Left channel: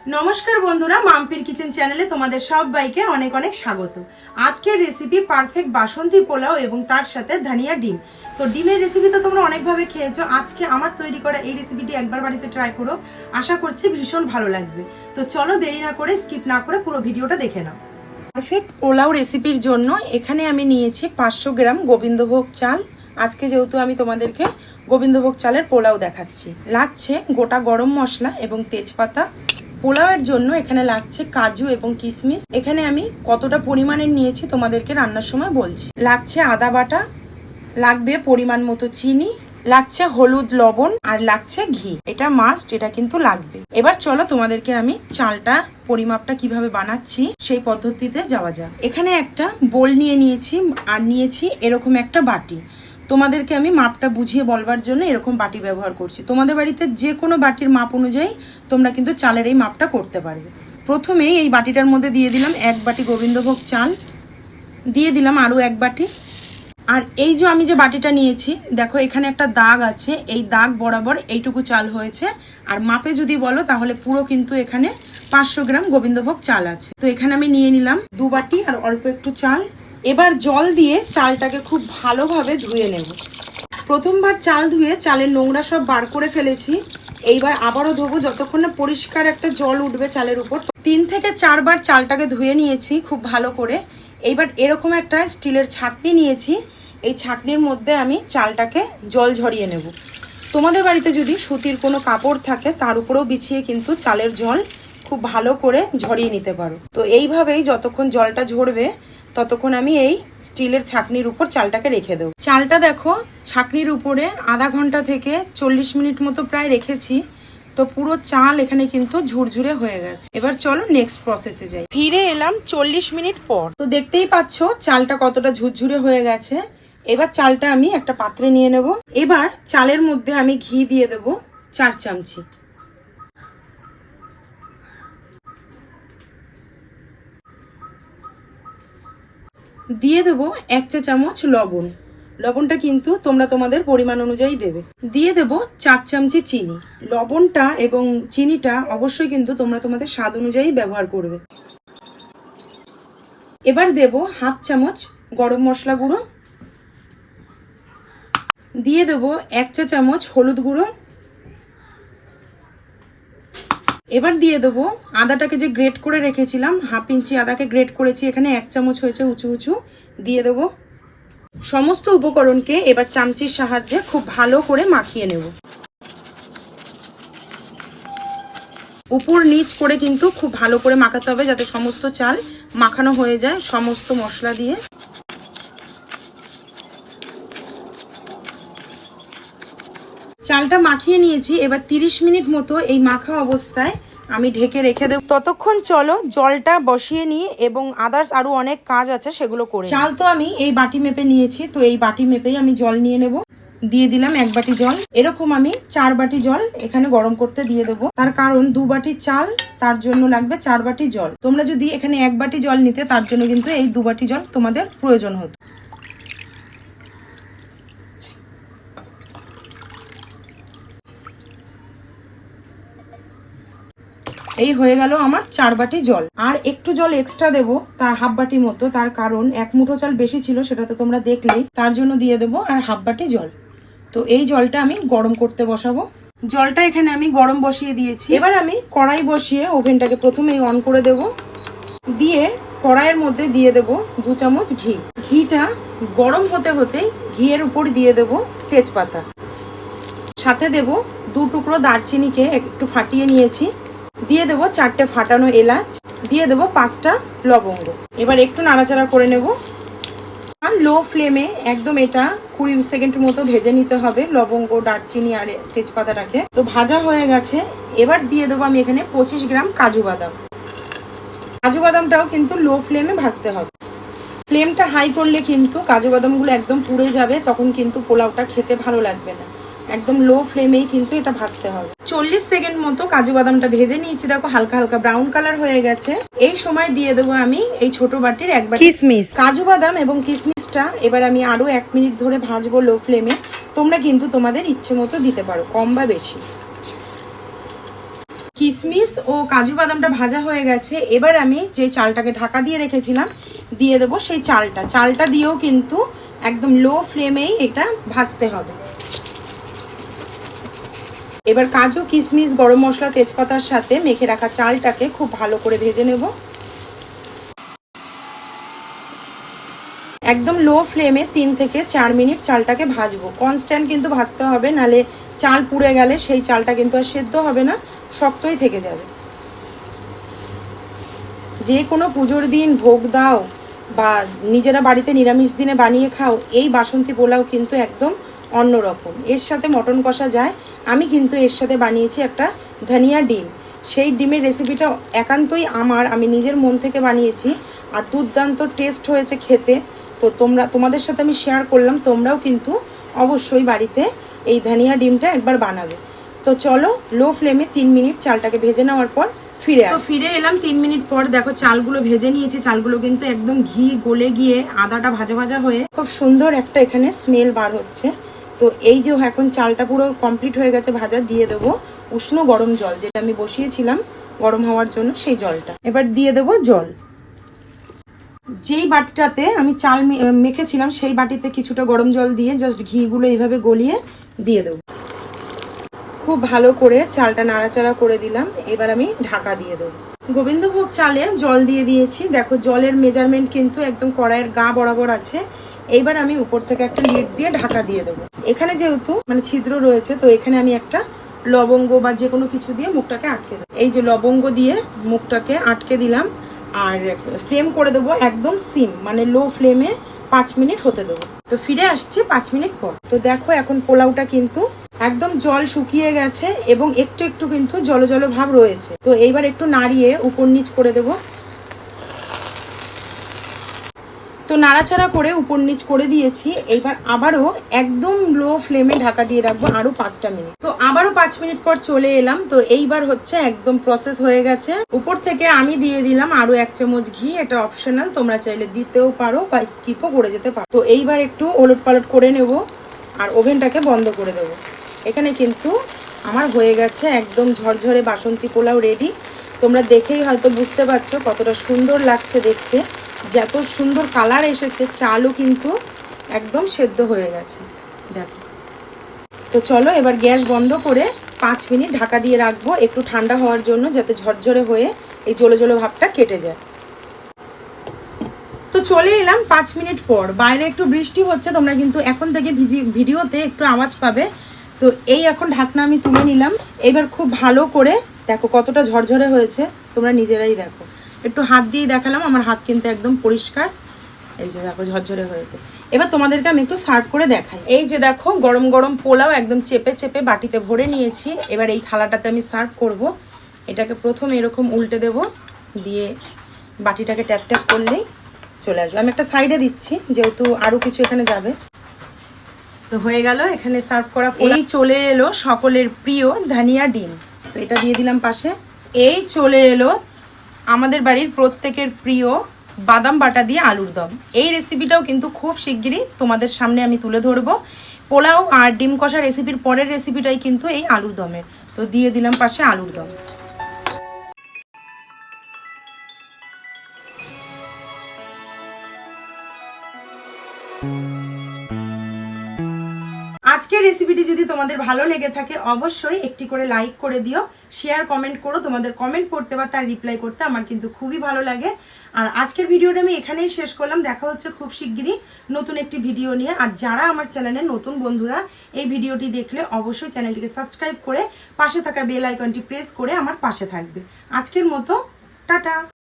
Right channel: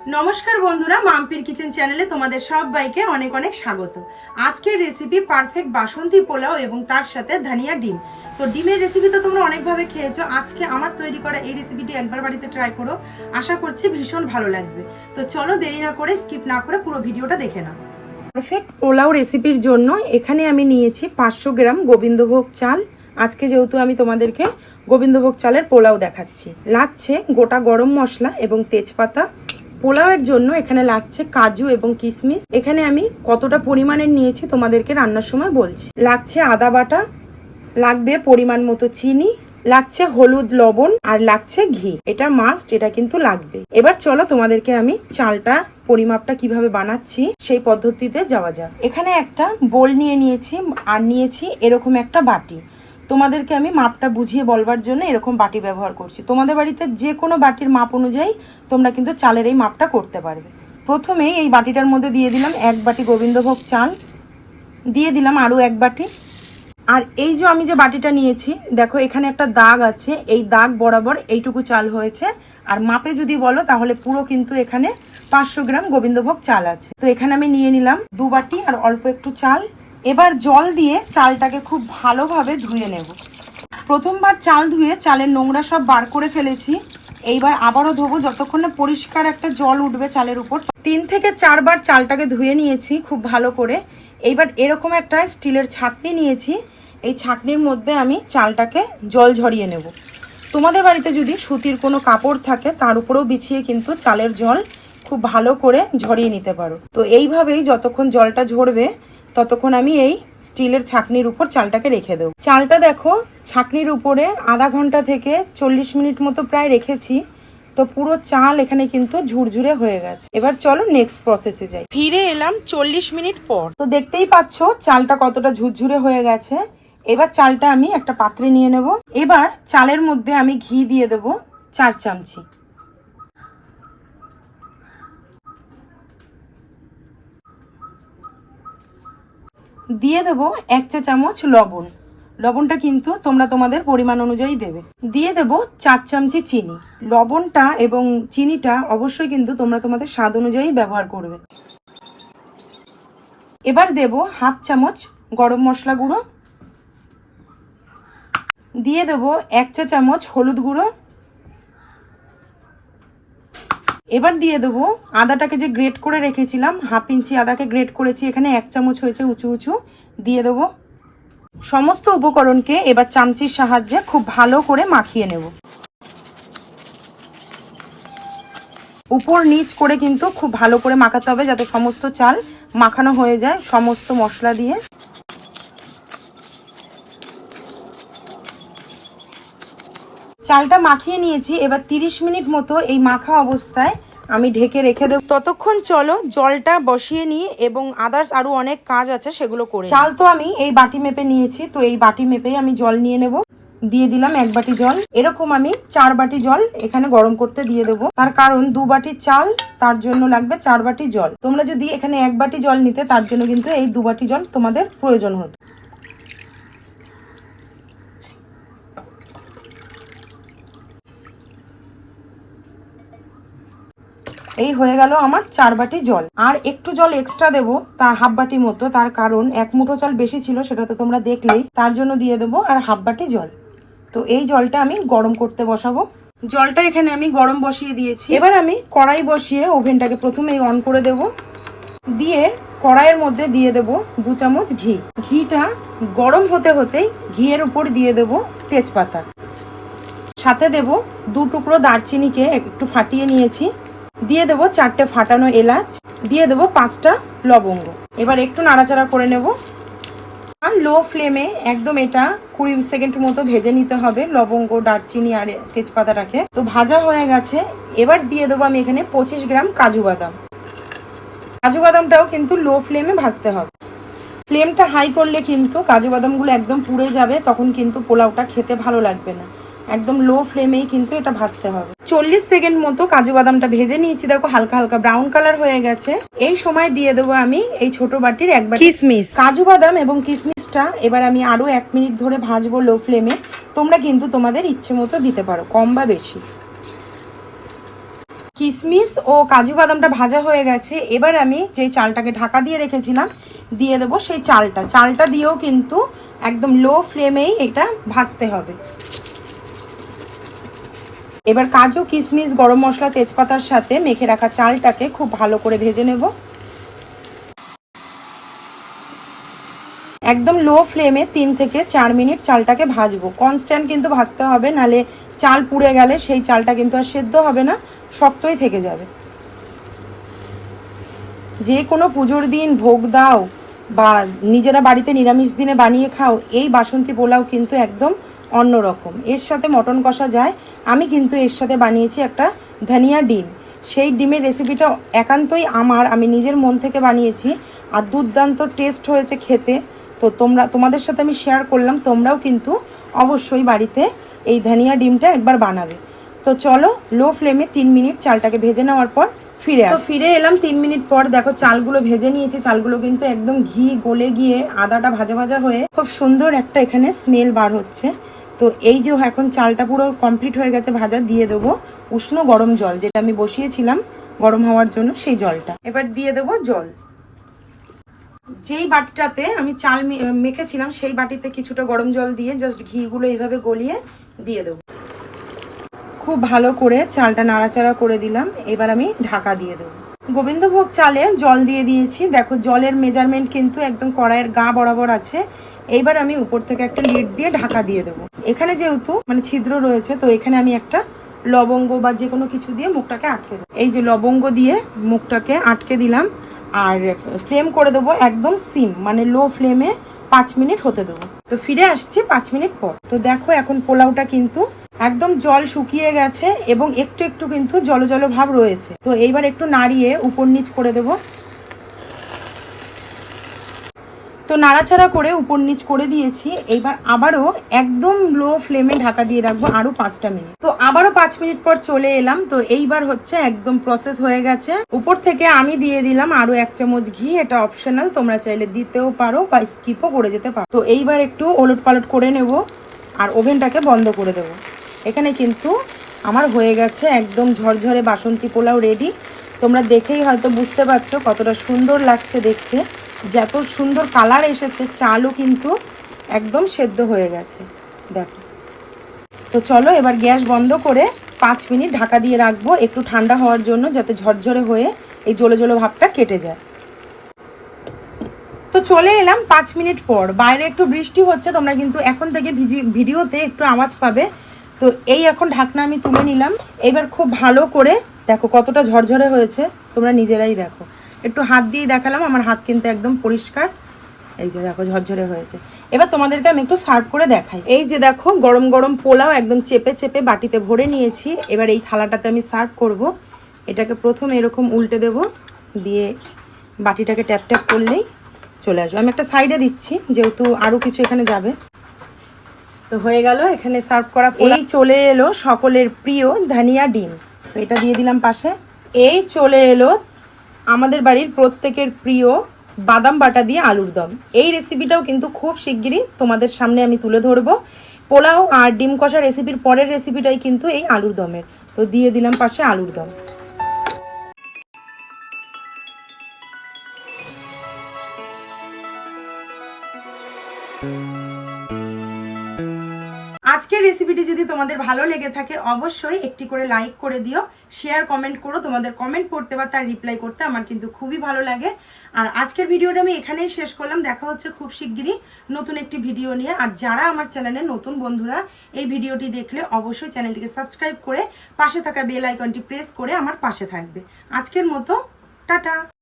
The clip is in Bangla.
নমস্কার বন্ধুরা, মাম্পির কিচেন চ্যানেলে তোমাদের সবাইকে অনেক অনেক স্বাগত। আজকের রেসিপি পারফেক্ট বাসন্তী পোলাও এবং তার সাথে ধনিয়া ডিম। তো ডিমের রেসিপি তো তোমরা অনেকভাবে খেয়েছো, আজকে আমার তৈরি করা এই রেসিপিটি একবার বাড়িতে ট্রাই করো, আশা করছি ভীষণ ভালো লাগবে। তো চলো দেরি না করে, স্কিপ না করে পুরো ভিডিওটা দেখে নাও। পারফেক্ট পোলাও রেসিপির জন্য এখানে আমি নিয়েছি 500 গ্রাম গোবিন্দভোগ চাল। আজকে যেহেতু আমি তোমাদেরকে গোবিন্দভোগ চালের পোলাও দেখাচ্ছি, লাগছে গোটা গরম মশলা এবং তেজপাতা। পোলাওয়ের জন্য এখানে লাগছে কাজু এবং কিশমিশ। এখানে আমি কতটা পরিমাণের নিয়েছি তোমাদেরকে রান্নার সময় বলছি। লাগছে আদা বাটা, লাগবে পরিমাণ মতো চিনি, লাগছে হলুদ লবণ, আর লাগছে ঘি। এটা মাস্ট, এটা কিন্তু লাগবে। এবার চলো তোমাদেরকে আমি চালটা পরিমাপটা কিভাবে বানাচ্ছি সেই পদ্ধতিতে যাওয়া যাক। এখানে একটা বোল নিয়ে নিয়েছি আর নিয়েছি এরকম একটা বাটি। তোমাদেরকে আমি মাপটা বুঝিয়ে বলবার জন্য এরকম বাটি ব্যবহার করছি। তোমাদের বাড়িতে যে কোনো বাটির মাপ অনুযায়ী তোমরা কিন্তু চালের এই মাপটা করতে পারবে। প্রথমে এই বাটিটার মধ্যে দিয়ে দিলাম 1 বাটি গোবিন্দভোগ চাল, দিয়ে দিলাম আরও 1 বাটি। আর এই যে আমি যে বাটিটা নিয়েছি, দেখো এখানে একটা দাগ আছে, এই দাগ বরাবর এইটুকু চাল হয়েছে। আর মাপে যদি বলো তাহলে পুরো কিন্তু এখানে 500 গ্রাম গোবিন্দভোগ চাল আছে। তো এখানে আমি নিয়ে নিলাম 2 বাটি আর অল্প একটু চাল। এবার জল দিয়ে চালটাকে খুব ভালোভাবে ধুয়ে নেব। প্রথমবার চাল ধুয়ে চালের নোংরা সব বার করে ফেলেছি, এইবার আবারও ধোবো যতক্ষণ না পরিষ্কার একটা জল উঠবে চালের উপর। 3 থেকে 4 বার চালটাকে ধুয়ে নিয়েছি খুব ভালো করে। এইবার এরকম একটা স্টিলের ছাঁকনি নিয়েছি, এই ছাঁকনির মধ্যে আমি চালটাকে জল ঝরিয়ে নেব। তোমাদের বাড়িতে যদি সুতির কোনো কাপড় থাকে তার উপরেও বিছিয়ে কিন্তু চালের জল খুব ভালো করে ঝরিয়ে নিতে পারো। তো এইভাবেই যতক্ষণ জলটা ঝরবে ততক্ষণ আমি এই স্টিলের ছাঁকনির উপর চালটাকে রেখে দেবো। চালটা দেখো ছাঁকনির উপরে আধা ঘন্টা থেকে 40 মিনিট মতো প্রায় রেখেছি। তো পুরো চাল এখানে কিন্তু ঝুরঝুরে হয়ে গেছে। এবার চলো নেক্সট প্রসেসে যাই। ফিরে এলাম 40 মিনিট পর। তো দেখতেই পাচ্ছ চালটা কতটা ঝুরঝুরে হয়ে গেছে। এবার চালটা আমি একটা পাত্রে নিয়ে নেব। এবার চালের মধ্যে আমি ঘি দিয়ে দেব 4 চামচি। দিয়ে দেবো 1 চা চামচ লবণ। লবণটা কিন্তু তোমরা তোমাদের পরিমাণ অনুযায়ী দেবে। দিয়ে দেবো 4 চামচি চিনি। লবণটা এবং চিনিটা অবশ্যই কিন্তু তোমরা তোমাদের স্বাদ অনুযায়ী ব্যবহার করবে। এবার দেব হাফ চামচ গরম মশলা গুঁড়ো, দিয়ে দেবো 1 চা চামচ হলুদ গুঁড়ো। এবার দিয়ে দেবো আদাটাকে যে গ্রেট করে রেখেছিলাম, হাফ ইঞ্চি আদাকে গ্রেট করেছি, এখানে 1 চামচ হয়েছে উঁচু উঁচু, দিয়ে দেবো। সমস্ত উপকরণকে এবার চামচির সাহায্যে খুব ভালো করে মাখিয়ে নেব। উপর নিচ করে কিন্তু খুব ভালো করে মাখাতে হবে যাতে সমস্ত চাল মাখানো হয়ে যায় সমস্ত মশলা দিয়ে। চালটা মাখিয়ে নিয়েছি, এবার 30 মিনিট মতো এই মাখা অবস্থায় আমি ঢেকে রেখে দেব। ততক্ষণ চলো জলটা বসিয়ে নিই এবং আদার্স আরো অনেক কাজ আছে সেগুলো করে। চাল তো আমি এই বাটি মেপে নিয়েছি, তো এই বাটি মেপেই আমি জল নিয়ে নেব। দিয়ে দিলাম 1 বাটি জল। এরকম আমি 4 বাটি জল এখানে গরম করতে দিয়ে দেবো, তার কারণ 2 বাটি চাল, তার জন্য লাগবে 4 বাটি জল। তোমরা যদি এখানে 1 বাটি জল নিতে তার জন্য কিন্তু এই 2 বাটি জল তোমাদের প্রয়োজন হতো। এই হয়ে গেল আমার 4 বাটি জল। আর একটু জল এক্সট্রা দেবো, তার হাফ বাটি মতো, তার কারণ 1 মুঠো চাল বেশি ছিল, সেটা তো তোমরা দেখলেই, তার জন্য দিয়ে দেবো আর হাফ বাটি জল। তো এই জলটা আমি গরম করতে বসাবো। জলটা এখানে আমি গরম বসিয়ে দিয়েছি। এবার আমি কড়াই বসিয়ে ওভেনটাকে প্রথমেই অন করে দেব। দিয়ে কড়াইয়ের মধ্যে দিয়ে দেব 2 চামচ ঘি। ঘিটা গরম হতে হতেই ঘিয়ের উপর দিয়ে দেব তেজপাতা, সাথে দেব 2 টুকরো দারচিনিকে একটু ফাটিয়ে নিয়েছি, দিয়ে দেবো 4টে ফাটানো এলাচ, দিয়ে দেবো 5টা লবঙ্গ। এবার একটু নাড়াচাড়া করে নেব। আর লো ফ্লেমে একদম এটা 20 সেকেন্ড মতো ভেজে নিতে হবে লবঙ্গ, দারচিনি আর তেজপাতাটাকে। তো ভাজা হয়ে গেছে। এবার দিয়ে দেবো আমি এখানে 25 গ্রাম কাজু বাদাম। কাজু বাদামটাও কিন্তু লো ফ্লেমে ভাজতে হবে। ফ্লেমটা হাই করলে কিন্তু কাজু বাদামগুলো একদম পুড়ে যাবে, তখন কিন্তু পোলাওটা খেতে ভালো লাগবে না। একদম লো ফ্লেমেই কিন্তু এটা ভাজতে হবে। 40 সেকেন্ড মতো কাজু বাদামটা ভেজে নিয়েছি, দেখো হালকা হালকা ব্রাউন কালার হয়ে গেছে। এই সময় দিয়ে দেবো আমি এই ছোট বাটির 1 বাটি কিশমিশ। কাজু বাদাম এবং কিশমিশটা এবার আমি আরো 1 মিনিট ধরে ভাজবো লো ফ্লেমে। তোমরা কিন্তু তোমাদের ইচ্ছে মতো দিতে পারো, কম বা বেশি। কিশমিশ ও কাজু বাদামটা ভাজা হয়ে গেছে। এবার আমি যে চালটাকে ঢাকা দিয়ে রেখেছিলাম দিয়ে দেবো সেই চালটা দিয়েও কিন্তু একদম লো ফ্লেমেই এটা ভাজতে হবে। এবার কাজু কিশমিশ গরম মশলা তেজপাতার সাথে মেখে রাখা চালটাকে খুব ভালো করে ভেজে নেব। একদম লো ফ্লেমে 3 থেকে 4 মিনিট চালটাকে ভাজবো। কনস্ট্যান্ট কিন্তু ভাজতে হবে, নালে চাল পুড়ে গেলে সেই চালটা কিন্তু আর সেদ্ধ হবে না, শক্তই থেকে যাবে। যে কোনো পুজোর দিন ভোগ দাও বা নিজেরা বাড়িতে নিরামিষ দিনে বানিয়ে খাও, এই বাসন্তী পোলাও কিন্তু একদম অন্যরকম। এর সাথে মটন কষা যায়। আমি কিন্তু এর সাথে বানিয়েছি একটা ধনিয়া ডিম। সেই ডিমের রেসিপিটা একান্তই আমি নিজের মন থেকে বানিয়েছি, আর দুর্দান্ত টেস্ট হয়েছে খেতে। তো তোমাদের সাথে আমি শেয়ার করলাম, তোমরাও কিন্তু অবশ্যই বাড়িতে এই ধনিয়া ডিমটা একবার বানাবে। তো চলো লো ফ্লেমে 3 মিনিট চালটাকে ভেজে নেওয়ার পর ফিরে এলাম 3 মিনিট পর। দেখো চালগুলো ভেজে নিয়েছি, চালগুলো কিন্তু একদম ঘি গলে গিয়ে আদাটা ভাজা ভাজা হয়ে খুব সুন্দর একটা এখানে স্মেল বার হচ্ছে। তো এই যে এখন চালটা পুরো কমপ্লিট হয়ে গেছে ভাজা, দিয়ে দেবো উষ্ণ গরম জল, যেটা আমি বসিয়েছিলাম গরম হওয়ার জন্য সেই জলটা। এবার দিয়ে দেবো জল। যেই বাটিটাতে আমি চাল মেখেছিলাম সেই বাটিতে কিছুটা গরম জল দিয়ে জাস্ট ঘিগুলো এইভাবে গলিয়ে দিয়ে দেবো। খুব ভালো করে চালটা নাড়াচাড়া করে দিলাম। এবার আমি ঢাকা দিয়ে দেবো। গোবিন্দভোগ চালে জল দিয়ে দিয়েছি। দেখো জলের মেজারমেন্ট কিন্তু একদম কড়াইয়ের গা বরাবর আছে। এইবার আমি উপর থেকে একটা লিড দিয়ে ঢাকা দিয়ে দেবো। এখানে যেহেতু ছিদ্র রয়েছে, তো এখানে আমি একটা লবঙ্গ বা যে কোনো কিছু দিয়ে মুখটাকে আটকে দেবো। এই যে লবঙ্গ দিয়ে মুখটাকে আটকে দিলাম। আর ফ্লেম করে দেবো একদম সিম, লো ফ্লেমে 5 মিনিট হতে দেবো। তো ফিরে আসছে 5 মিনিট পর। তো দেখো এখন পোলাওটা কিন্তু একদম জল শুকিয়ে গেছে এবং একটু একটু কিন্তু জল জল ভাব রয়েছে। তো এইবার একটু নাড়িয়ে উপর নিচ করে দেব। তো নাড়াচাড়া করে উপর নিচ করে দিয়েছি। এইবার আবারও একদম লো ফ্লেমে ঢাকা দিয়ে রাখবো আরো 5টা মিনিট। তো আবারও 5 মিনিট পর চলে এলাম। তো এইবার হচ্ছে একদম প্রসেস হয়ে গেছে। উপর থেকে আমি দিয়ে দিলাম আরো 1 চামচ ঘি। এটা অপশনাল, তোমরা চাইলে দিতেও পারো বা স্কিপও করে যেতে পারো। তো এইবার একটু ওলট পালট করে নেব আর ওভেনটাকে বন্ধ করে দেবো। এখানে কিন্তু আমার হয়ে গেছে একদম ঝরঝরে বাসন্তী পোলাও রেডি। তোমরা দেখেই হয়তো বুঝতে পারছো কতটা সুন্দর লাগছে দেখতে। যত সুন্দর কালার এসেছে, চালও কিন্তু একদম সেদ্ধ হয়ে গেছে দেখো। তো চলো এবার গ্যাস বন্ধ করে 5 মিনিট ঢাকা দিয়ে রাখবো একটু ঠান্ডা হওয়ার জন্য, যাতে ঝরঝরে হয়ে এই জ্বলে জ্বলে ভাবটা কেটে যায়। তো চলে এলাম 5 মিনিট পর। বাইরে একটু বৃষ্টি হচ্ছে, তোমরা কিন্তু এখন থেকে ভিডিওতে একটু আওয়াজ পাবে। তো এই এখন ঢাকনা আমি তুলে নিলাম। এবার খুব ভালো করে দেখো কতটা ঝরঝরে হয়েছে, তোমরা নিজেরাই দেখো। একটু হাত দিয়ে দেখালাম, আমার হাত কিন্তু একদম পরিষ্কার। এই যে দেখো ঝরঝরে হয়েছে। এবার তোমাদেরকে আমি একটু সার্ভ করে দেখাই। এই যে দেখো গরম গরম পোলাও একদম চেপে চেপে বাটিতে ভরে নিয়েছি। এবার এই থালাটাতে আমি সার্ভ করব। এটাকে প্রথমে এরকম উল্টে দেব, দিয়ে বাটিটাকে ট্যাপ ট্যাপ করলেই চলে আসবে। আমি একটা সাইডে দিচ্ছি যেহেতু আরো কিছু এখানে যাবে। তো হয়ে গেল এখানে সার্ভ করা। এই চলে এলো সকলের প্রিয় ধনিয়া ডিম। এটা দিয়ে দিলাম পাশে। এই চলে এলো আমাদের বাড়ির প্রত্যেকের প্রিয় বাদাম বাটা দিয়ে আলুর দম। এই রেসিপিটাও কিন্তু খুব শিগগিরই তোমাদের সামনে আমি তুলে ধরবো। পোলাও আর ডিম কষা রেসিপির পরের রেসিপিটাই কিন্তু এই আলুর দমের। তো দিয়ে দিলাম পাশে আলুর দম। আজকের রেসিপিটি যদি তোমাদের ভালো লেগে থাকে অবশ্যই একটি করে লাইক করে দিও, শেয়ার কমেন্ট করো। তোমাদের কমেন্ট পড়তে বা তার রিপ্লাই করতে আমার কিন্তু খুবই ভালো লাগে। আর আজকের ভিডিওটা আমি এখানেই শেষ করলাম। দেখা হচ্ছে খুব শিগগিরই নতুন একটি ভিডিও নিয়ে। আর যারা আমার চ্যানেলের নতুন বন্ধুরা এই ভিডিওটি দেখলে অবশ্যই চ্যানেলটিকে সাবস্ক্রাইব করে পাশে থাকা বেল আইকনটি প্রেস করে আমার পাশে থাকবে। আজকের মতো টাটা।